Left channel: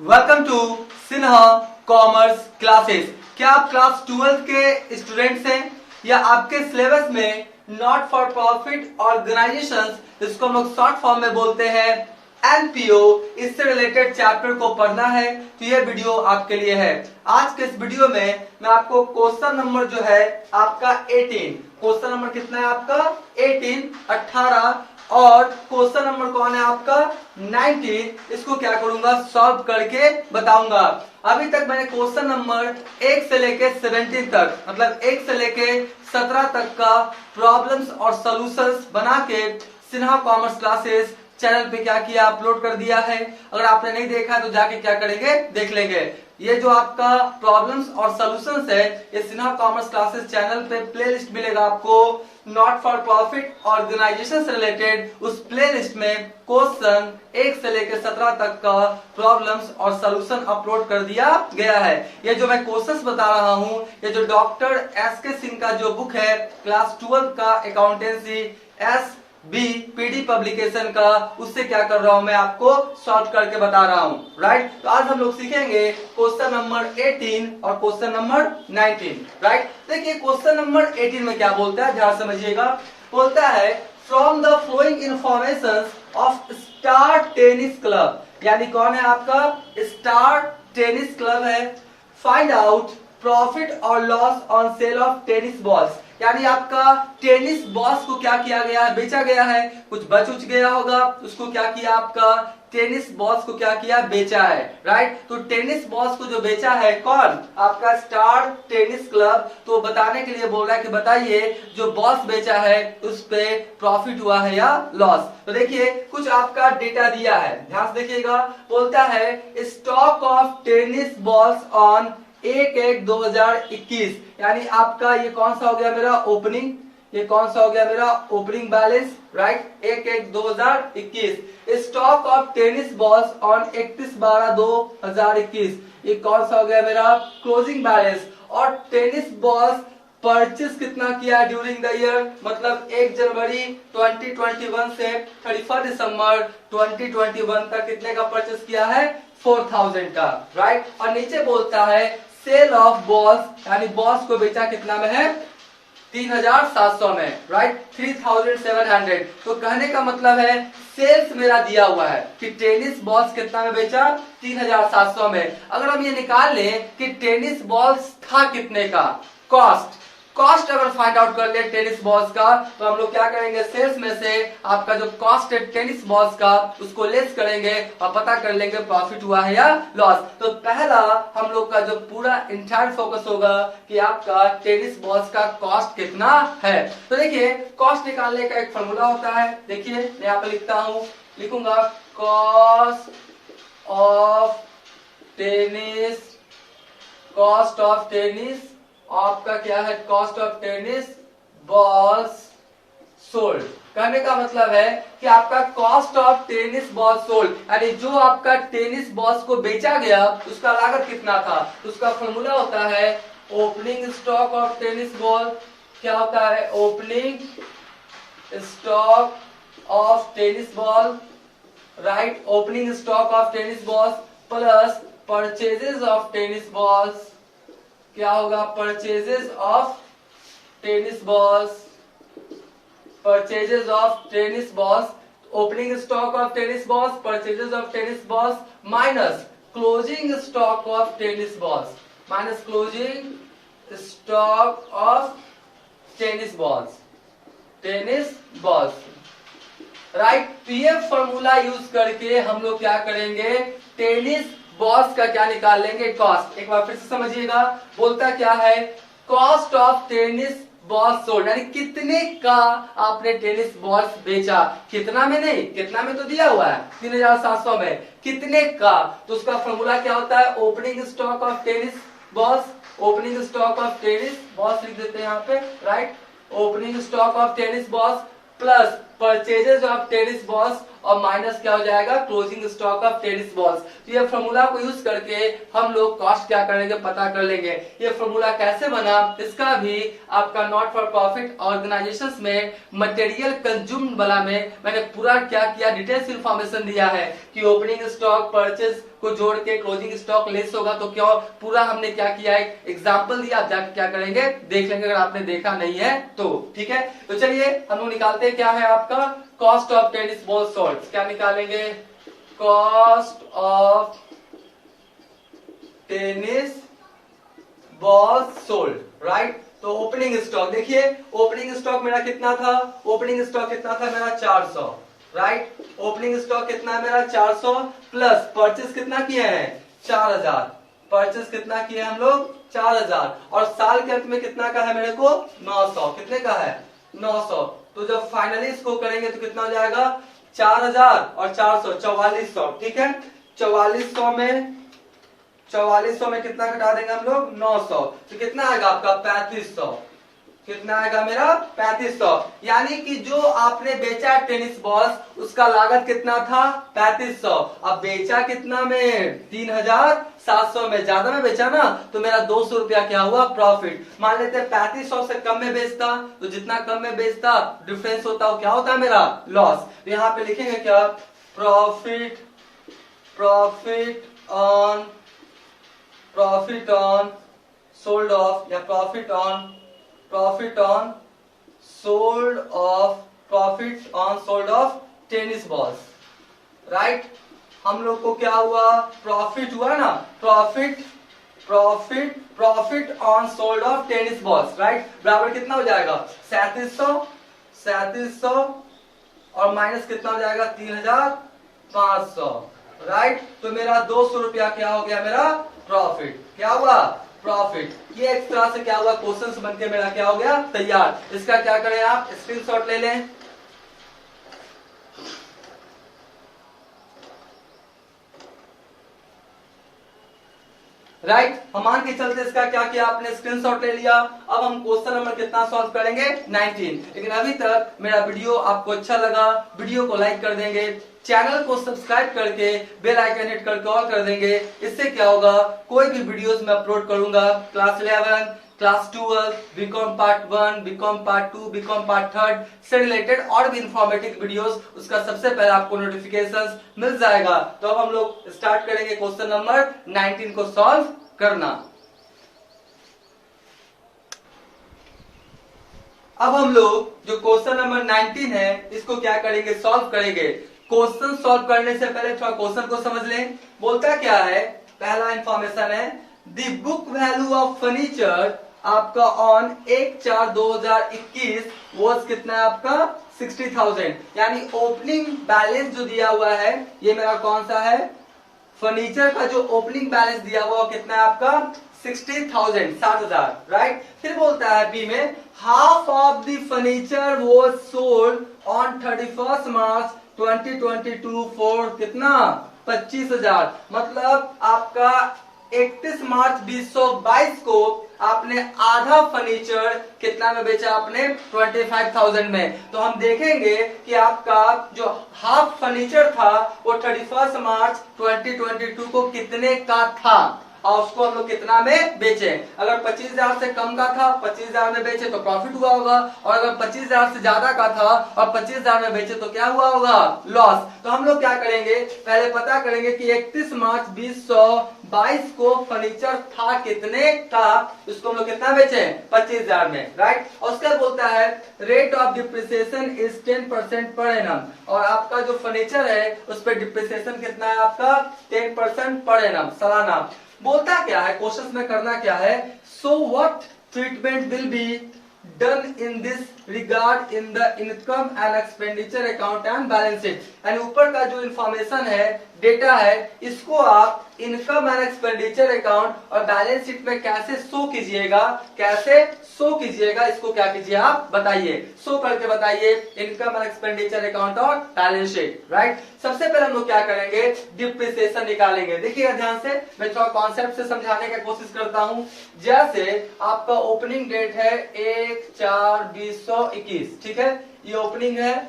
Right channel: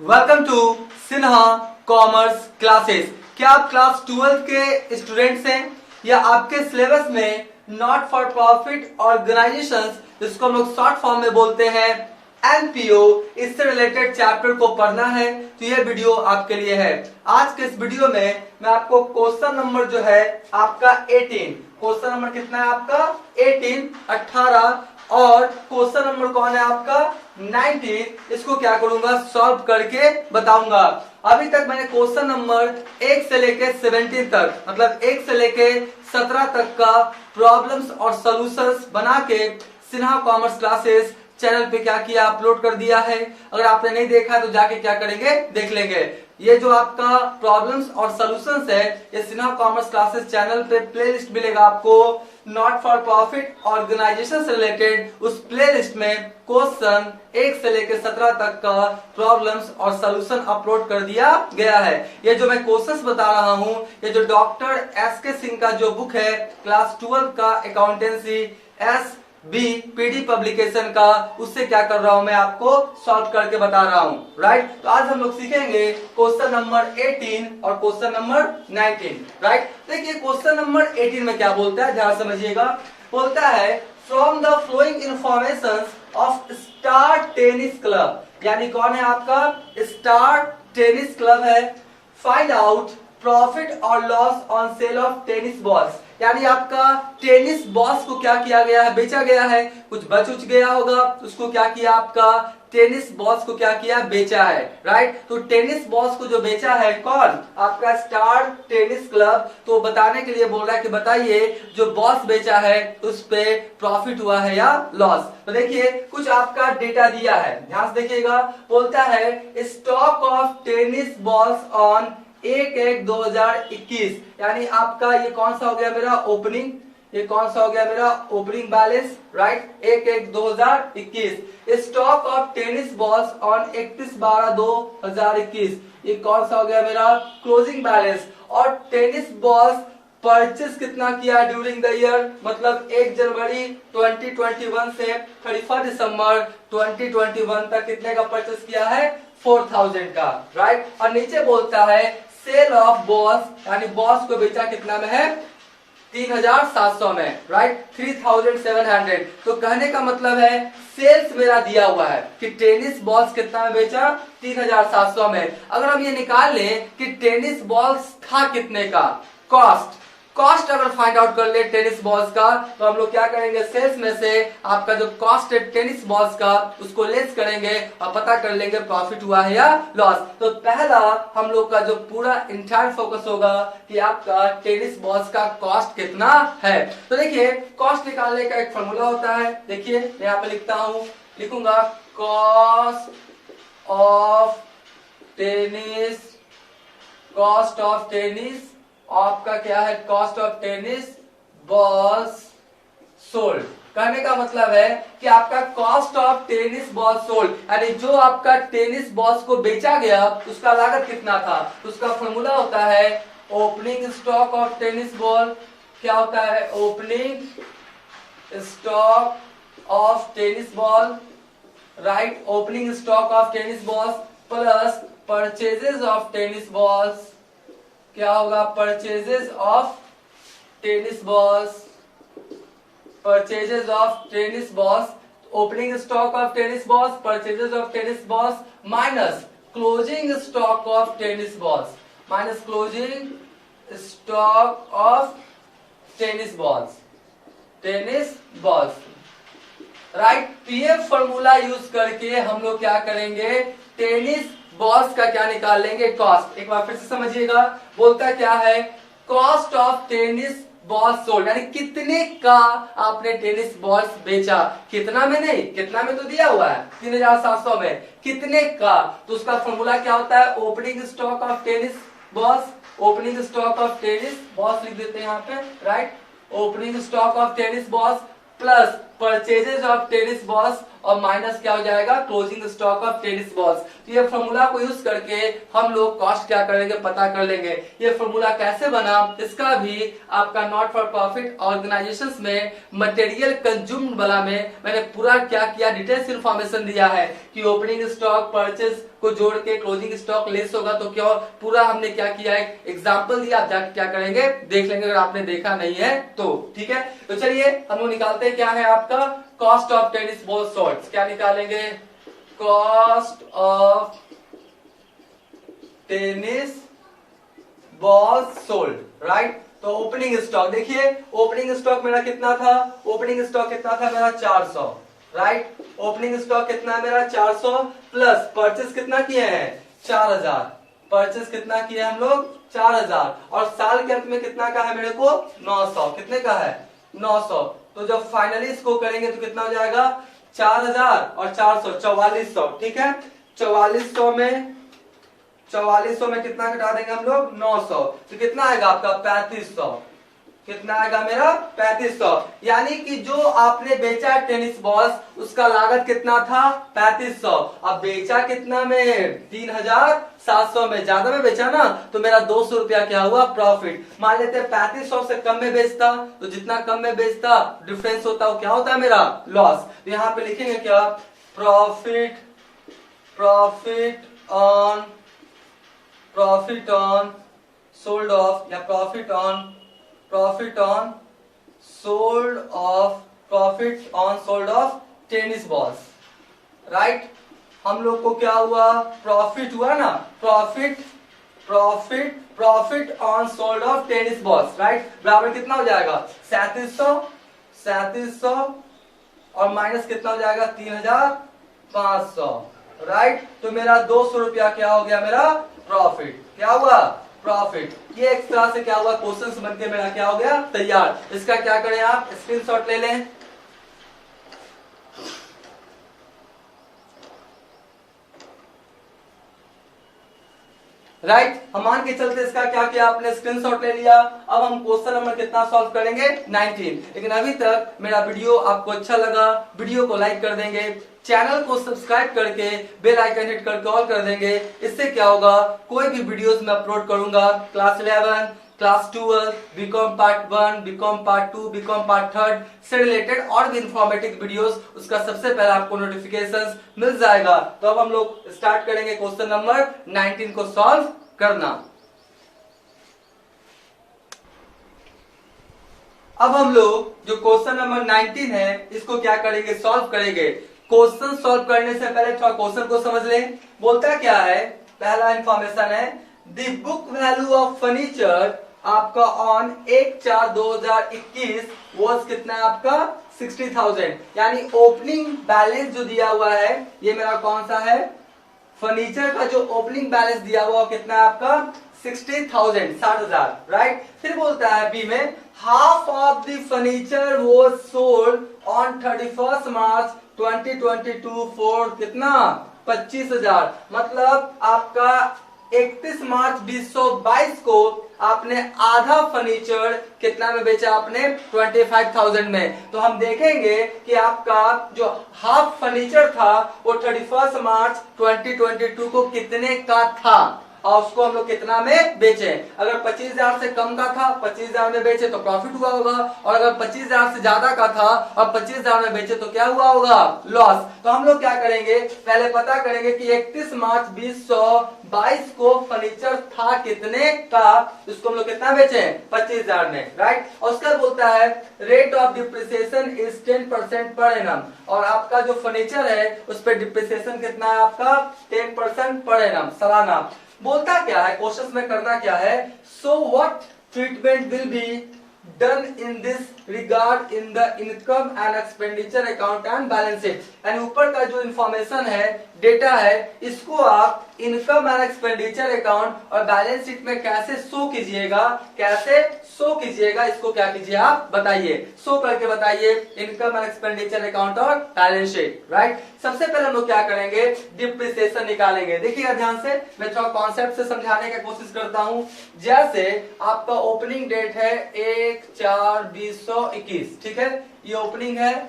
Welcome to Sinha commerce classes. क्या आप class 12 के स्टूडेंट्स हैं या आपके सिलेबस में नॉट फॉर प्रॉफिट ऑर्गेनाइजेशंस, इसको हम लोग शॉर्ट फॉर्म में बोलते हैं एनपीओ, इससे रिलेटेड चैप्टर को पढ़ना है तो ये वीडियो आपके लिए है। आज के इस वीडियो में मैं आपको क्वेश्चन नंबर जो है आपका 18, क्वेश्चन नंबर कितना है आपका 18 और क्वेश्चन नंबर कौन है आपका 19, इसको क्या करूंगा सॉल्व करके बताऊंगा। अभी तक मैंने क्वेश्चन नंबर 1 से लेके 17 तक, मतलब 1 से लेके 17 तक का प्रॉब्लम्स और सॉल्यूशंस बना के सिन्हा कॉमर्स क्लासेस चैनल पे क्या किया, अपलोड कर दिया है। अगर आपने नहीं देखा तो जाके क्या करेंगे, देख लेंगे। ये जो आपका प्रॉब्लम्स और सॉल्यूशंस है, ये सिन्हा कॉमर्स क्लासेस चैनल पे प्लेलिस्ट मिलेगा आपको। नॉट फॉर प्रॉफिट ऑर्गेनाइजेशन से रिलेटेड उस प्लेलिस्ट में क्वेश्चन 1 से लेकर 17 तक का प्रॉब्लम्स और सॉल्यूशन अपलोड कर दिया गया है। ये जो मैं क्वेश्चंस बता रहा हूं, ये जो डॉक्टर एस.के. सिंह का जो बुक है क्लास 12 का अकाउंटेंसी पीडी पब्लिकेशन का, उससे क्या कर रहा हूं मैं आपको सॉल्व करके बता रहा हूं। राइट, तो आज हम लोग सीखेंगे क्वेश्चन नंबर 18 और क्वेश्चन नंबर 19। राइट, देखिए क्वेश्चन नंबर 18 में क्या बोलता है, ध्यान समझिएगा। बोलता है from the flowing information of star tennis club, यानी कौन है आपका स्टार टेनिस क्लब है। फाइंड आउट प्रॉफिट और loss on sale of tennis balls, यानी आपका टेनिस बॉल्स को क्या किया गया है, बेचा गया है। कुछ बच उच गया होगा, उसको क्या किया, आपका टेनिस बॉल्स को क्या किया, बेचा है। राइट, तो टेनिस बॉल्स को जो बेचा है कौन, आपका स्टार टेनिस क्लब। तो बताने के लिए बोल रहा है कि बताइए जो बॉल्स बेचा है उस पे प्रॉफिट हुआ है या लॉस। तो देखिए कुछ आपका डेटा दिया है, ध्यान से देखिएगा। बोलता है stock of tennis balls on 1/1/2021, यानी आपका ये कौन सा हो गया मेरा ओपनिंग, ये कौन सा हो गया मेरा opening balance. Right, 1/1/2021। Stock of tennis balls on 31/12/2021, ये कौन सा हो गया मेरा क्लोजिंग बैलेंस। और टेनिस बॉल्स परचेस कितना किया ड्यूरिंग द ईयर, मतलब 1 जनवरी 2021 से 31 दिसंबर 2021 तक कितने का परचेस किया है, 4000 का। राइट, और नीचे बोलता है सेल ऑफ बॉल्स, यानी बॉल्स को बेचा कितना में है, 3700 में। राइट, 3700। तो कहने का मतलब है सेल्स मेरा दिया हुआ है कि टेनिस बॉल्स कितना में बेचा, 3700 में। अगर हम ये निकाल लें कि टेनिस बॉल्स था कितने का, कॉस्ट अगर फाइंड आउट कर ले टेनिस बॉल्स का, तो हम लोग क्या करेंगे, सेल्स में से आपका जो कॉस्ट है टेनिस बॉल्स का उसको लेस करेंगे और पता कर लेंगे प्रॉफिट हुआ है या लॉस। तो पहला हम लोग का जो पूरा इंटायर फोकस होगा कि आपका टेनिस बॉल्स का कॉस्ट कितना है। तो देखिए कॉस्ट निकालने का एक फॉर्मूला होता है, देखिए मैं यहाँ पे लिखता हूं, लिखूंगा कॉस्ट ऑफ टेनिस आपका क्या है, cost of tennis balls sold. कहने का मतलब है कि आपका cost of tennis ball sold, यानी जो आपका टेनिस बॉल्स को बेचा गया उसका लागत कितना था। तो उसका फॉर्मूला होता है opening stock of tennis ball, क्या होता है opening stock of tennis ball. Right, opening stock of tennis balls plus purchases of tennis balls, क्या होगा purchases of tennis balls, purchases of tennis balls, opening stock of tennis balls, purchases of tennis balls minus closing stock of tennis balls, minus closing stock of tennis balls. Right, तो ये formula use करके हम लोग क्या करेंगे, tennis balls का क्या निकाल लेंगे, कॉस्ट। एक बार फिर से समझिएगा, बोलता क्या है cost of tennis balls sold, यानी कितने का आपने टेनिस बॉल्स बेचा, कितना में नहीं, कितना में तो दिया हुआ है 3700 में, कितने का। तो उसका फॉर्मूला क्या होता है opening stock of tennis balls, opening stock of tennis balls लिख देते हैं यहाँ पे। Right, opening stock of tennis balls plus purchases of tennis balls और माइनस क्या हो जाएगा closing stock of tennis balls. तो ये फॉर्मूला को यूज करके हम लोग कॉस्ट क्या करेंगे पता कर लेंगे। ये फॉर्मूला कैसे बना इसका भी आपका नॉट फॉर प्रॉफिट ऑर्गेनाइजेशंस में मटेरियल कंज्यूम्ड वाला में मैंने पूरा क्या किया डिटेल्स इंफॉर्मेशन दिया है कि ओपनिंग स्टॉक परचेज को जोड़ के क्लोजिंग स्टॉक लेस होगा तो क्या पूरा हमने क्या किया है एग्जाम्पल दिया। क्या करेंगे देख लेंगे अगर आपने देखा नहीं है तो ठीक है। तो चलिए हम लोग निकालते हैं क्या है आपका cost of tennis ball sold. क्या निकालेंगे cost of tennis ball sold right. तो ओपनिंग स्टॉक देखिए ओपनिंग स्टॉक मेरा कितना था ओपनिंग स्टॉक कितना था मेरा 400 राइट। ओपनिंग स्टॉक कितना है मेरा 400 प्लस परचेस कितना किए हैं 4000 परचेस कितना किए हम लोग 4000 और साल के अंत में कितना का है मेरे को 900 कितने का है 900। तो जब फाइनली इसको करेंगे तो कितना हो जाएगा 4000 और 400 4400 ठीक है। 4400 में कितना घटा देंगे हम लोग 900 तो कितना आएगा आपका 3500 कितना आएगा मेरा 3500। यानी कि जो आपने बेचा टेनिस बॉल्स उसका लागत कितना था 3500। अब बेचा कितना में 3700 में ज्यादा में बेचा ना तो मेरा 200 रुपया क्या हुआ प्रॉफिट। मान लेते 3500 से कम में बेचता तो जितना कम में बेचता डिफरेंस होता वो क्या होता है मेरा लॉस। तो यहाँ पे लिखेंगे क्या प्रॉफिट ऑन सोल्ड ऑफ या profit on sold off tennis balls right. हम लोग को क्या हुआ प्रॉफिट हुआ ना profit on sold off tennis balls right बराबर कितना हो जाएगा 3700 और माइनस कितना हो जाएगा 3500 राइट। तो मेरा 200 रुपया क्या हो गया मेरा प्रॉफिट क्या हुआ प्रॉफिट। ये एक तरह से क्या हुआ क्वेश्चन बन के मेरा क्या हो गया तैयार। इसका क्या करें आप स्क्रीनशॉट ले लें राइट। हम मान के चलते इसका क्या किया आपने स्क्रीनशॉट ले लिया। अब हम क्वेश्चन नंबर कितना सॉल्व करेंगे 19। लेकिन अभी तक मेरा वीडियो आपको अच्छा लगा वीडियो को लाइक कर देंगे चैनल को सब्सक्राइब करके बेल आइकन हिट करके ऑल कर देंगे। इससे क्या होगा कोई भी वीडियोस मैं अपलोड करूंगा class 11 class 12 BCom part 1 BCom part 2 BCom part 3 से रिलेटेड और भी इंफॉर्मेटिव वीडियोस उसका सबसे पहले आपको नोटिफिकेशंस मिल जाएगा। तो अब हम लोग स्टार्ट करेंगे क्वेश्चन नंबर 19 को सॉल्व करना। अब हम लोग जो क्वेश्चन नंबर 19 है इसको क्या करेंगे सॉल्व करेंगे। क्वेश्चन सॉल्व करने से पहले थोड़ा क्वेश्चन को समझ लें। बोलता क्या है पहला इंफॉर्मेशन है the book value of furniture आपका ऑन 1/4/2021 वॉज कितना है आपका 60,000। यानी ओपनिंग बैलेंस जो दिया हुआ है ये मेरा कौन सा है फर्नीचर का जो ओपनिंग बैलेंस दिया हुआ कितना है आपका 60,000 60,000 राइट। फिर बोलता है बी में half of the furniture was sold on 31 March 2022 for कितना 25,000। मतलब आपका 31 मार्च 2022 को आपने आधा फर्नीचर कितना में बेचा आपने 25,000 में। तो हम देखेंगे कि आपका जो हाफ फर्नीचर था वो 31 मार्च 2022 को कितने का था और उसको हम लोग कितना में बेचे। अगर 25,000 से कम का था 25,000 में बेचे तो प्रॉफिट हुआ होगा और अगर 25,000 से ज्यादा का था और 25,000 में बेचे तो क्या हुआ होगा लॉस। तो हम लोग क्या करेंगे पहले पता करेंगे कि 31 मार्च 2022 को फर्नीचर था कितने का उसको हम लोग कितना बेचे 25,000 में राइट। और उसका बोलता है rate of depreciation is 10% per annum और आपका जो फर्नीचर है उस पर डिप्रिसिएशन कितना है आपका 10% पर एनम सालाना। बोलता क्या है क्वेश्चन में करना क्या है so what treatment will be done in this regard in the income and expenditure account and balance sheet. यानी ऊपर का जो इंफॉर्मेशन है डेटा है इसको आप इनकम एंड एक्सपेंडिचर अकाउंट और बैलेंस शीट में कैसे शो कीजिएगा इसको क्या कीजिए आप बताइए शो करके बताइए इनकम एंड एक्सपेंडिचर अकाउंट और बैलेंस शीट राइट। सबसे पहले हम लोग क्या करेंगे डिप्रिसिएशन निकालेंगे। देखिएगा ध्यान से मैं थोड़ा कॉन्सेप्ट से समझाने की कोशिश करता हूं। जैसे आपका ओपनिंग डेट है 1/4/2021 ठीक है ये ओपनिंग है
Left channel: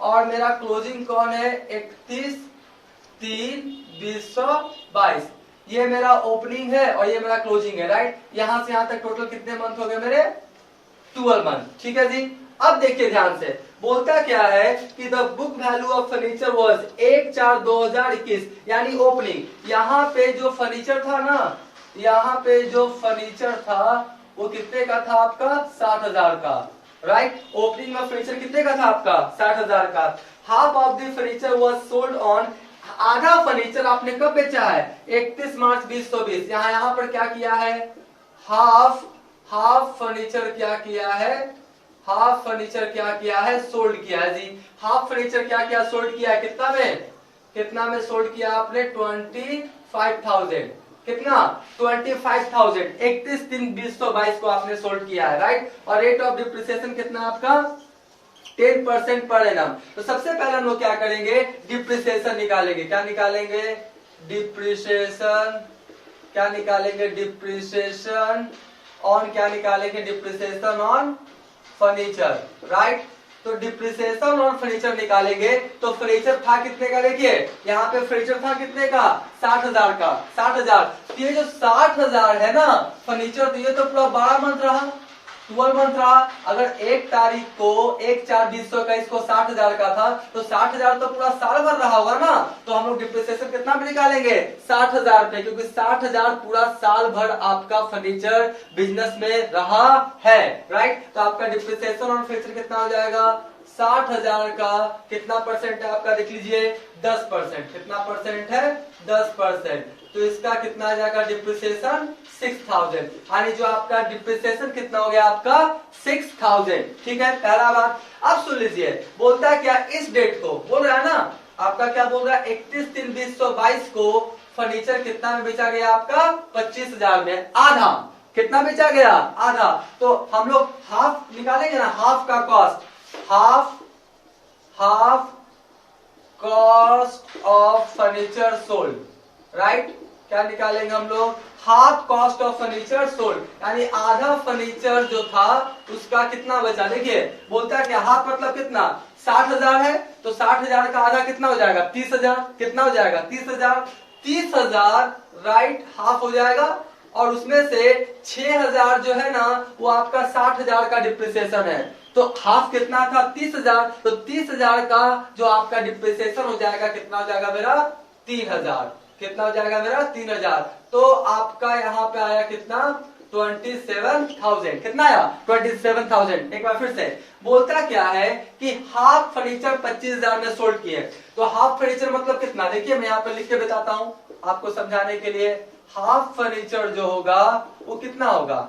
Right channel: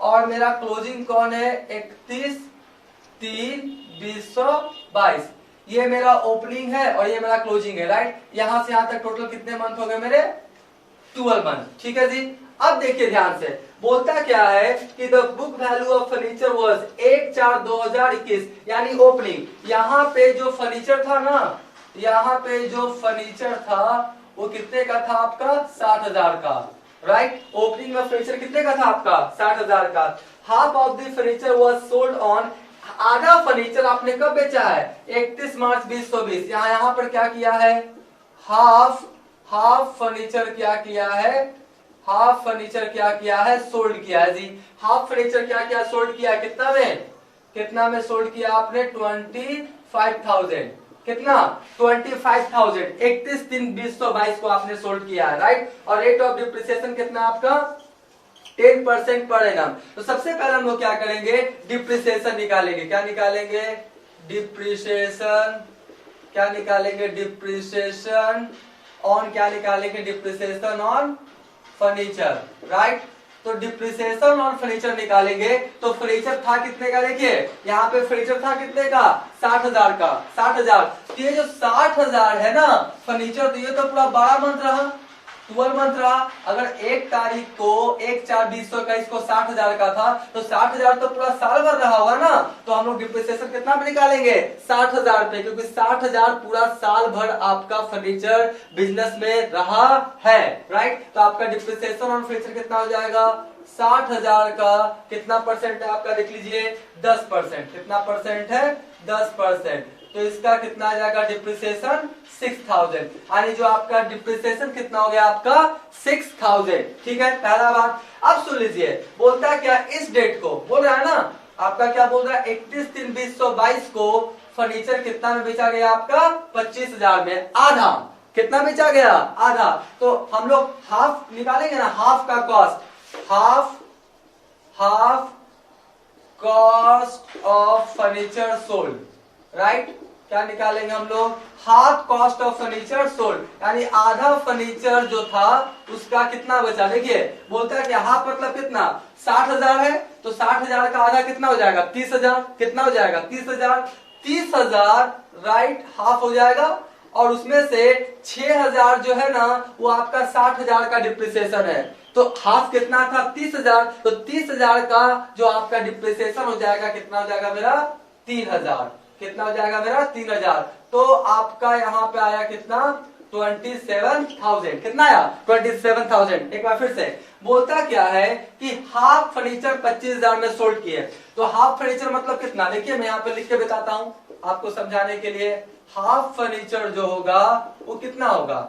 और मेरा क्लोजिंग कौन है 31/3/2022। ये मेरा ओपनिंग है और ये मेरा क्लोजिंग है, राइट। यहां से यहां तक टोटल कितने मंथ हो गए मेरे 12 मंथ, ठीक है जी। अब देखिए ध्यान से, बोलता क्या है कि the book value of furniture was 1/4/2021, यानी ओपनिंग। यहाँ पे जो फर्नीचर था ना, यहाँ पे जो फर्नीचर था वो कितने का था आपका 60,000 का, राइट। ओपनिंग में फर्नीचर कितने का था आपका 60,000 का। Half of the furniture was sold on, आधा फर्नीचर आपने कब बेचा है 31 मार्च 2020। यहाँ पर क्या किया है, हाफ फर्नीचर क्या किया है, हाफ फर्नीचर क्या किया है सोल्ड किया है जी। हाफ फर्नीचर क्या किया सोल्ड किया है, कितना में सोल्ड किया आपने 25,000, कितना 25,000 31/3/2022 को आपने सोल्ड किया है, राइट। और रेट ऑफ डिप्रिसिएशन कितना आपका 10% पर एनम। तो सबसे पहले हम लोग क्या करेंगे, डिप्रिसिएशन निकालेंगे। क्या निकालेंगे, डिप्रिसिएशन। क्या निकालेंगे, डिप्रिसिएशन ऑन, क्या निकालेंगे, डिप्रिसिएशन ऑन फर्नीचर, राइट। तो डिप्रिसिएशन ऑन फर्नीचर निकालेंगे। तो फर्नीचर था कितने का, देखिए यहाँ पे फर्नीचर था कितने का 60,000 का, 60,000। ये जो 60,000 है ना फर्नीचर, तो ये तो पूरा 12 मंथ रहा, 12 मंथ रहा। अगर 1 तारीख को 1/4/2021 को 60,000 का था, तो 60,000 तो पूरा साल भर रहा होगा ना। तो हम लोग डिप्रिसिएशन कितना पे निकालेंगे 60,000 पे, क्योंकि 60,000 पूरा साल भर आपका फर्नीचर बिजनेस में रहा है, राइट। तो आपका डिप्रिसिएशन ऑन फर्नीचर कितना हो जाएगा 60,000 का कितना परसेंट है आपका, देख लीजिए 10%। कितना परसेंट है 10%। तो इसका कितना आ जाएगा डिप्रिसिएशन 6,000, यानी जो आपका डिप्रिसिएशन कितना हो गया आपका 6,000, ठीक है। पहला बात। अब सुन लीजिए, बोलता है क्या, इस डेट को बोल रहा है ना आपका, क्या बोल रहा है 31/3/2022 को फर्नीचर कितना में बेचा गया आपका 25,000 में, आधा। कितना बेचा गया, आधा। तो हम लोग हाफ निकालेंगे ना, हाफ का cost, half cost of furniture sold, right. क्या निकालेंगे हम लोग, half cost of furniture sold, यानी आधा फर्नीचर जो था उसका कितना बचा। देखिए बोलता है कि हाफ मतलब कितना 60,000 है, तो 60,000 का आधा कितना हो जाएगा 30,000। कितना हो जाएगा 30,000, 30,000 राइट, हाफ हो जाएगा। और उसमें से 6,000 जो है ना वो आपका 60,000 का डिप्रिसिएशन है। तो हाफ कितना था 30,000, तो 30,000 का जो आपका डिप्रिसिएशन हो जाएगा कितना हो जाएगा मेरा 3,000। कितना हो जाएगा मेरा 3,000। तो आपका यहाँ पे आया कितना 27,000। कितना आया 27,000। एक बार फिर से बोलता क्या है कि हाफ फर्नीचर 25,000 में सोल्ड किए। तो हाफ फर्नीचर मतलब कितना, देखिए मैं यहाँ पे लिख के बताता हूँ आपको समझाने के लिए। हाफ फर्नीचर जो होगा वो कितना होगा,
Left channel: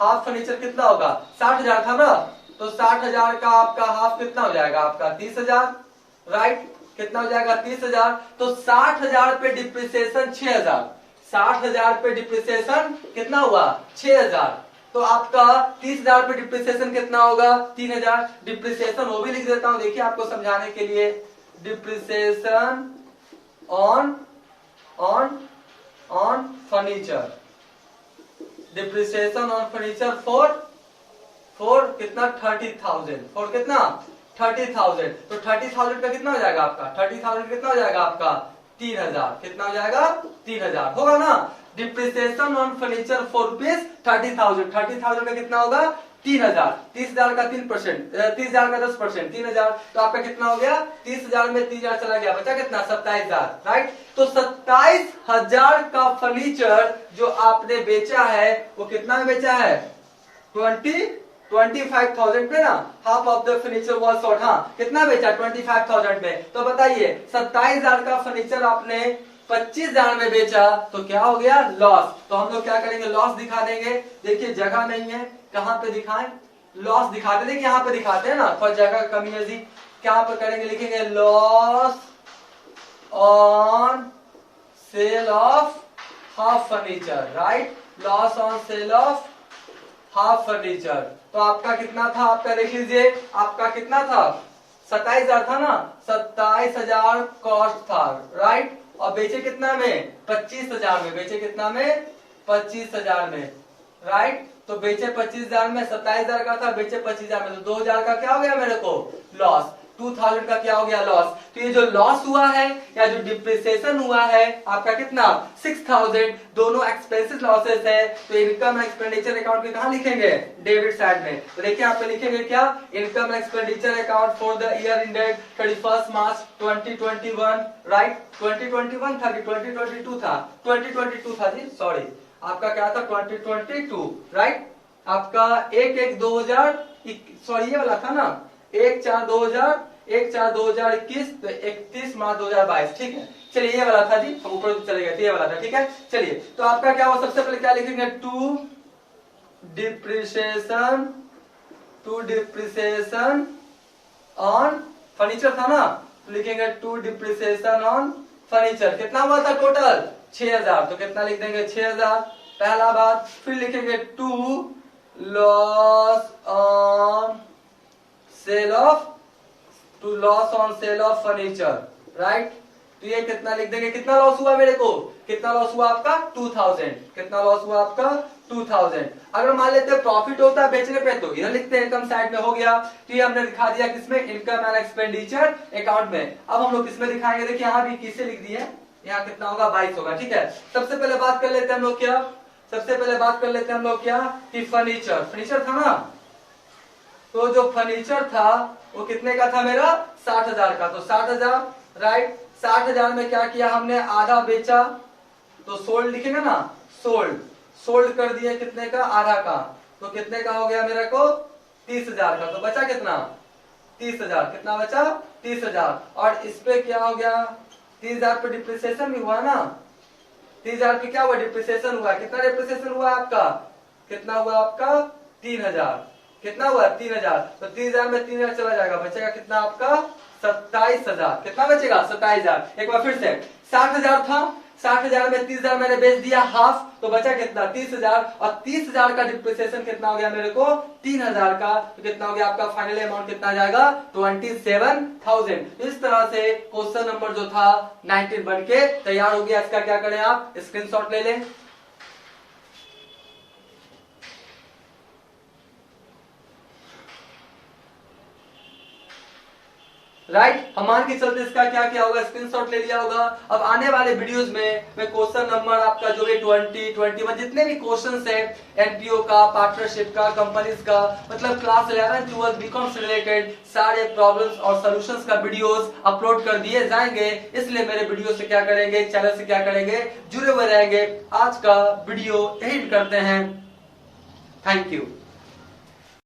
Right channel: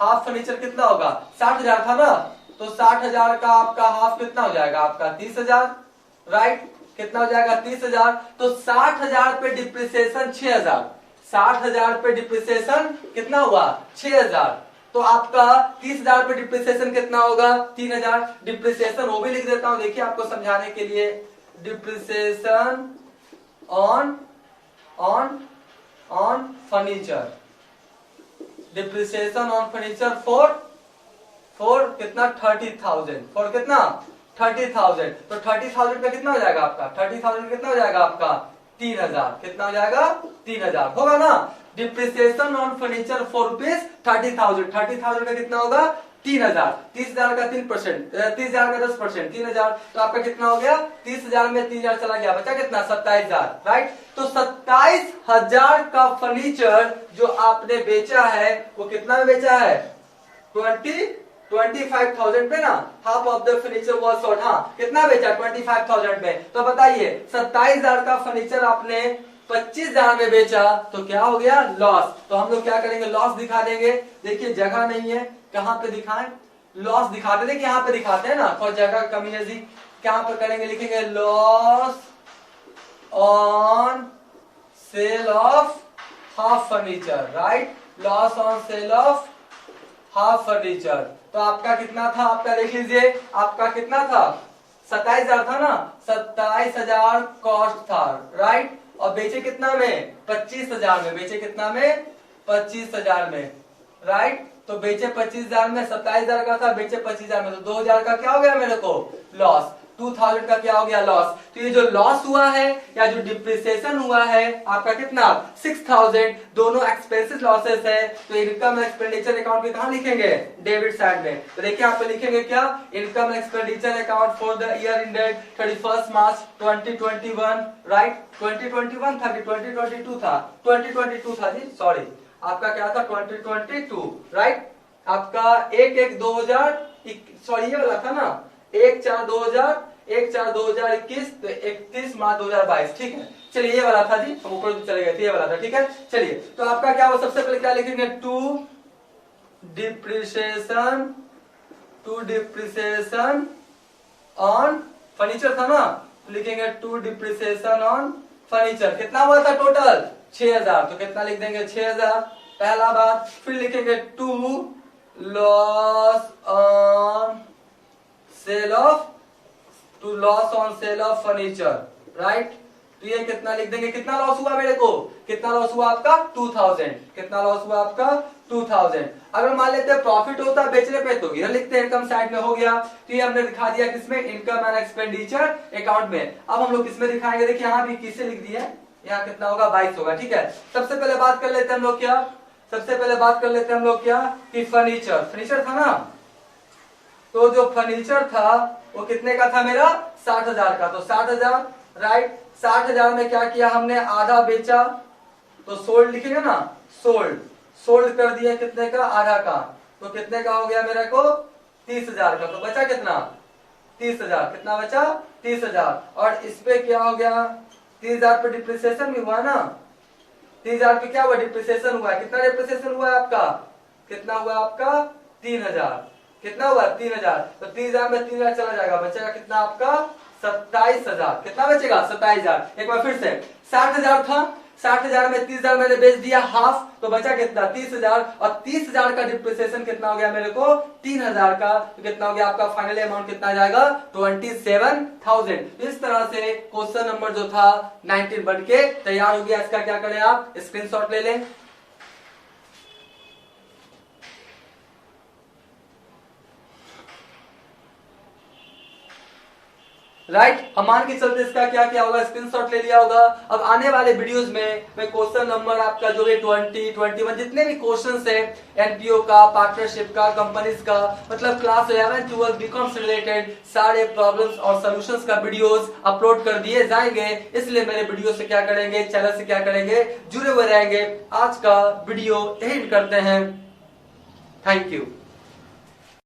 हाफ फर्नीचर कितना होगा 60,000 था ना, तो 60,000 का आपका हाफ कितना हो जाएगा आपका 30,000, राइट। कितना हो जाएगा 30,000। तो 60,000 पे डिप्रिसिएशन 6,000, 60,000 पे डिप्रिसिएशन कितना हुआ 6,000। तो आपका 30,000 पे डिप्रिसिएशन कितना होगा 3,000। डिप्रिसिएशन वो भी लिख देता हूं, देखिए आपको समझाने के लिए। Depreciation on furniture, depreciation on furniture for कितना 30,000, फॉर कितना 30,000। तो 30,000 का कितना हो जाएगा आपका 30,000 कितना हो जाएगा आपका 3,000। कितना हो जाएगा 3,000 होगा ना। Depreciation on furniture for rupees 30,000, 30,000 का कितना होगा 3,000। 30,000 का 3%, 30,000 का 10%, 3,000। तो आपका कितना हो गया 30,000 में 3,000 चला गया, बचा कितना 27,000, राइट। तो 27,000 का फर्नीचर जो आपने बेचा है वो कितना में बेचा है 25,000 पे ना। Half of the furniture was sold, हाँ कितना बेचा 25,000 में। तो बताइए 27,000 का फर्नीचर आपने 25,000 में बेचा, तो क्या हो गया लॉस। तो हम लोग क्या करेंगे लॉस दिखा देंगे। देखिए जगह नहीं है, कहां पे दिखाएं, लॉस दिखाते, देखिए यहाँ पे दिखाते हैं ना, थोड़ा जगह कमी है जी। क्या पर करेंगे, लिखेंगे loss on sale of half furniture, right. Loss on sale of half furniture. तो आपका कितना था, आपका देख लीजिए आपका कितना था 27,000 था ना, 27,000 कॉस्ट था, राइट। और बेचे कितना में 25,000 में, बेचे कितना में 25,000 में, राइट। तो बेचे 25,000 में, 27,000 का था बेचे 25,000 में, तो 2,000 का क्या हो गया मेरे को लॉस। 2000 का क्या हो गया लॉस। तो ये जो लॉस हुआ है या जो डिप्रिसिएशन हुआ है आपका कितना 6000, दोनों एक्सपेंसेस लॉसेस है। तो इनकम एंड एक्सपेंडिचर अकाउंट में कहां लिखेंगे डेबिट साइड में। तो देखिए यहाँ पे लिखेंगे क्या income and expenditure account for the year ended 31 March 2021 right. 2021 था कि 2022 था 2022 था जी सॉरी आपका क्या था 2022 राइट। आपका 1/1/2000 सॉरी ये वाला था ना 1/4/2021 तो 31 मार्च 2022 ठीक है। चलिए ये वाला था जी हम ऊपर चले गए थे ये वाला था ठीक है। चलिए तो आपका क्या हुआ सबसे पहले क्या लिखेंगे टू डिप्रिसिएशन ऑन फर्नीचर था ना तो लिखेंगे टू डिप्रिसिएशन ऑन फर्नीचर कितना हुआ था टोटल 6000 तो कितना लिख देंगे 6000 पहला बात। फिर लिखेंगे to loss on sale of furniture right. तो ये कितना लिख देंगे कितना लॉस हुआ मेरे को कितना लॉस हुआ आपका 2000 कितना लॉस हुआ आपका 2000। अगर मान लेते हैं प्रॉफिट होता है बेचने पे तो इधर लिखते हैं इनकम साइड में हो गया। तो ये हमने दिखा दिया किसमें इनकम एंड एक्सपेंडिचर अकाउंट में। अब हम लोग किसमें दिखाएंगे देखिए यहाँ भी किसे लिख दिया यहाँ कितना होगा 22 होगा ठीक है। सबसे पहले बात कर लेते हैं हम लोग क्या कि फर्नीचर था ना तो जो फर्नीचर था वो कितने का था मेरा 60,000 का। तो 60,000 राइट 60,000 में क्या किया हमने आधा बेचा तो सोल्ड लिखेंगे ना सोल्ड कर दिया कितने का आधा का तो कितने का हो गया मेरे को 30,000 का। तो बचा कितना 30,000 कितना बचा 30,000 और इस पे क्या हो गया 30,000 पे डिप्रिसिएशन भी हुआ ना 30,000 पे क्या हुआ डिप्रिसिएशन हुआ कितना डिप्रिसिएशन हुआ आपका कितना हुआ आपका 3,000 कितना हुआ 3,000 तो 30,000 में 3,000 चला जाएगा बचेगा कितना आपका 27,000 कितना बचेगा 27,000। एक बार फिर से 60,000 था 60,000 में 30,000 मैंने बेच दिया हाफ तो बचा कितना 30,000 और 30,000 का डिप्रिसिएशन कितना हो गया मेरे को 3,000 का तो कितना हो गया आपका फाइनल अमाउंट कितना जाएगा 27,000। इस तरह से क्वेश्चन नंबर जो था 19 बन के तैयार हो गया। इसका क्या करें आप स्क्रीनशॉट ले लें। राइट हम मान के चलते इसका क्या क्या होगा स्क्रीनशॉट ले लिया होगा। अब आने वाले वीडियोस में मैं क्वेश्चन नंबर आपका जो भी 20, 21 जितने भी क्वेश्चंस है एनपीओ का पार्टनरशिप का कंपनीज का मतलब क्लास 11, 12 बीकॉम से रिलेटेड सारे प्रॉब्लम्स और सॉल्यूशंस का वीडियोस अपलोड कर दिए जाएंगे। इसलिए मेरे वीडियो से क्या करेंगे चैनल से क्या करेंगे जुड़े हुए रहेंगे। आज का वीडियो यही करते हैं। Thank you.